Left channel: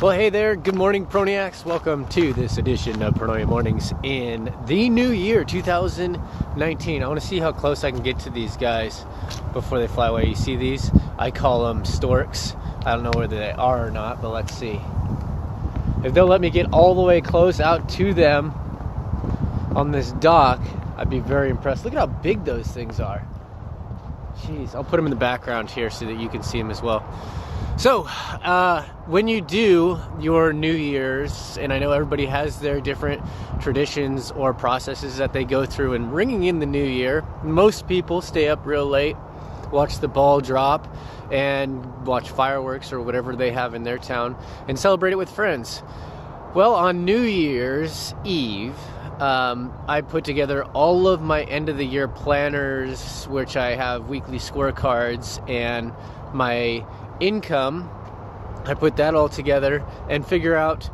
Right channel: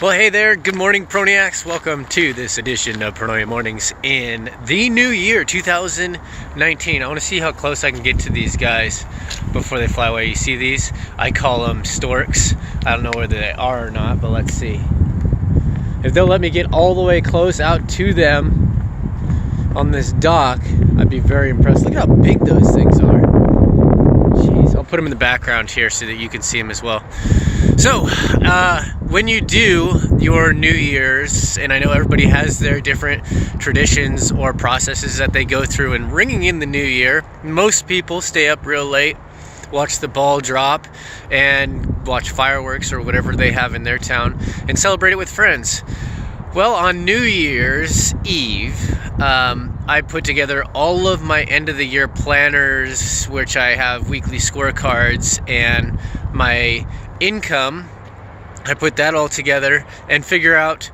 Well, hey there, good morning, Proniacs. Welcome to this edition of Pronoia Mornings in the new year, 2019. I want to see how close I can get to these guys before they fly away. You see these? I call them storks. I don't know whether they are or not, but let's see. If they'll let me get all the way close out to them on this dock, I'd be very impressed. Look at how big those things are. Jeez, I'll put them in the background here so that you can see them as well. So, when you do your New Year's, and I know everybody has their different traditions or processes that they go through in ringing in the new year, most people stay up real late, watch the ball drop, and watch fireworks or whatever they have in their town, and celebrate it with friends. Well, on New Year's Eve, I put together all of my end of the year planners, which I have weekly scorecards, and my income. I put that all together and figure out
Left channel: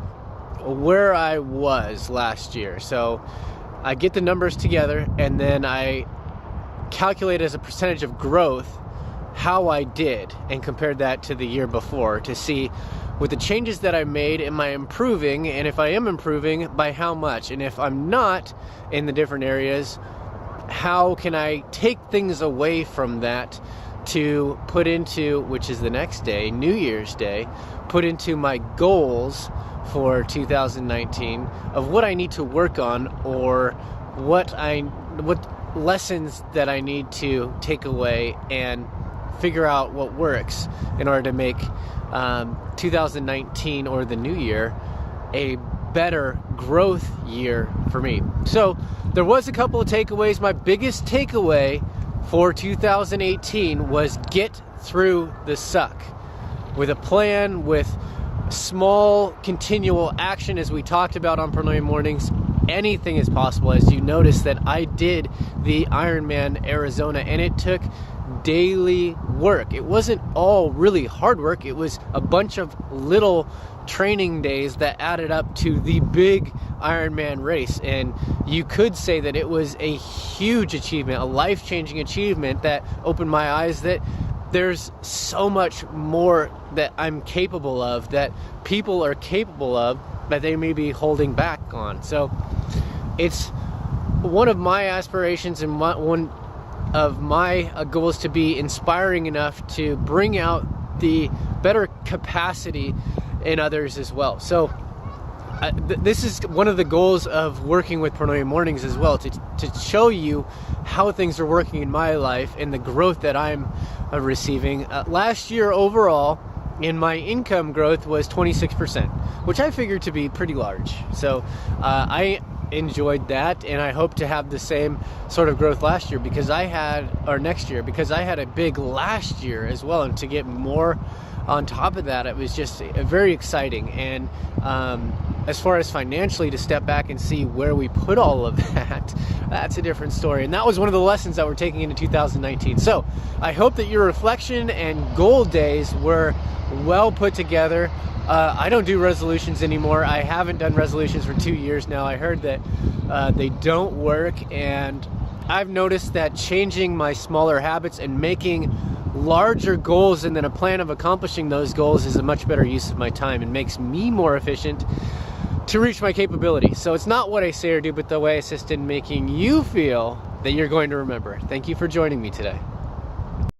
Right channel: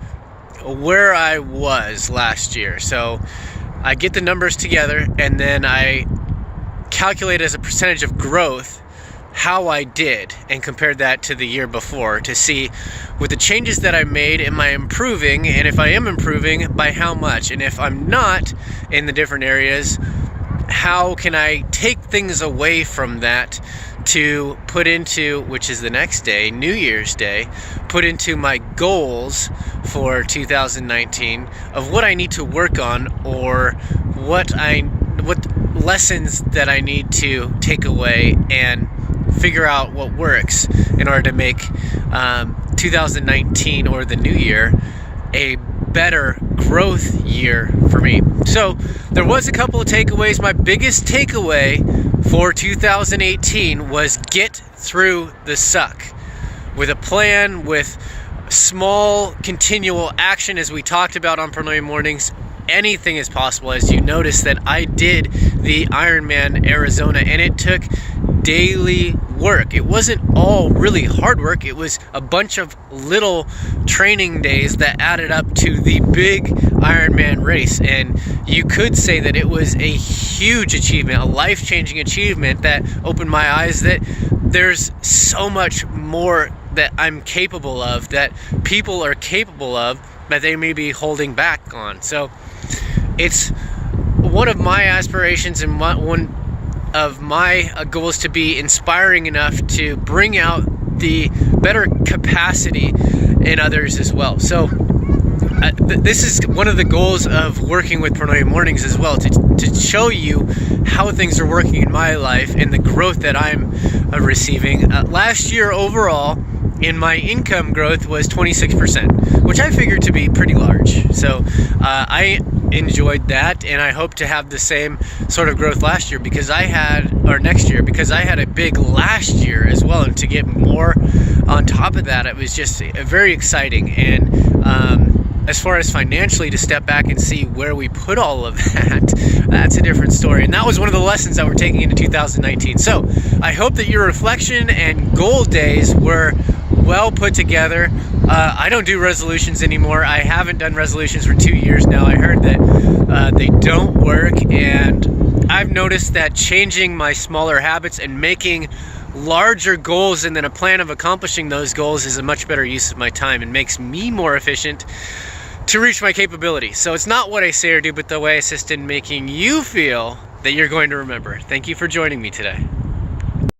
where I was last year. So I get the numbers together and then I calculate as a percentage of growth how I did and compared that to the year before to see with the changes that I made, am I improving? And if I am improving, by how much? And if I'm not in the different areas, how can I take things away from that to put into, which is the next day, New Year's Day, put into my goals for 2019 of what I need to work on or what lessons that I need to take away and figure out what works in order to make 2019 or the new year a better growth year for me. So there was a couple of takeaways. My biggest takeaway for 2018 was get through the suck with a plan, with small continual action, as we talked about on Pronoia Mornings. Anything is possible. As you notice that I did the Ironman Arizona and it took daily work. It wasn't all really hard work. It was a bunch of little training days that added up to the big Ironman race. And you could say that it was a huge achievement, a life-changing achievement that opened my eyes that there's so much more that I'm capable of, that people are capable of, that they may be holding back on. So it's one of my aspirations and one of my goals to be inspiring enough to bring out the better capacity in others as well. So this is one of the goals of working with Pronoia Mornings as well, to show you how things are working in my life and the growth that I'm receiving. Last year overall, in my income growth was 26%, which I figured to be pretty large. So I enjoyed that, and I hope to have the same sort of growth next year because I had a big last year as well, and to get more on top of that, it was just very exciting. And as far as financially, to step back and see where we put all of that, that's a different story. And that was one of the lessons that we're taking into 2019. So I hope that your reflection and goal days were well put together. I don't do resolutions anymore. I haven't done resolutions for 2 years now. I heard that they don't work, and I've noticed that changing my smaller habits and making larger goals and then a plan of accomplishing those goals is a much better use of my time and makes me more efficient to reach my capability. So it's not what I say or do, but the way I assist in making you feel that you're going to remember. Thank you for joining me today.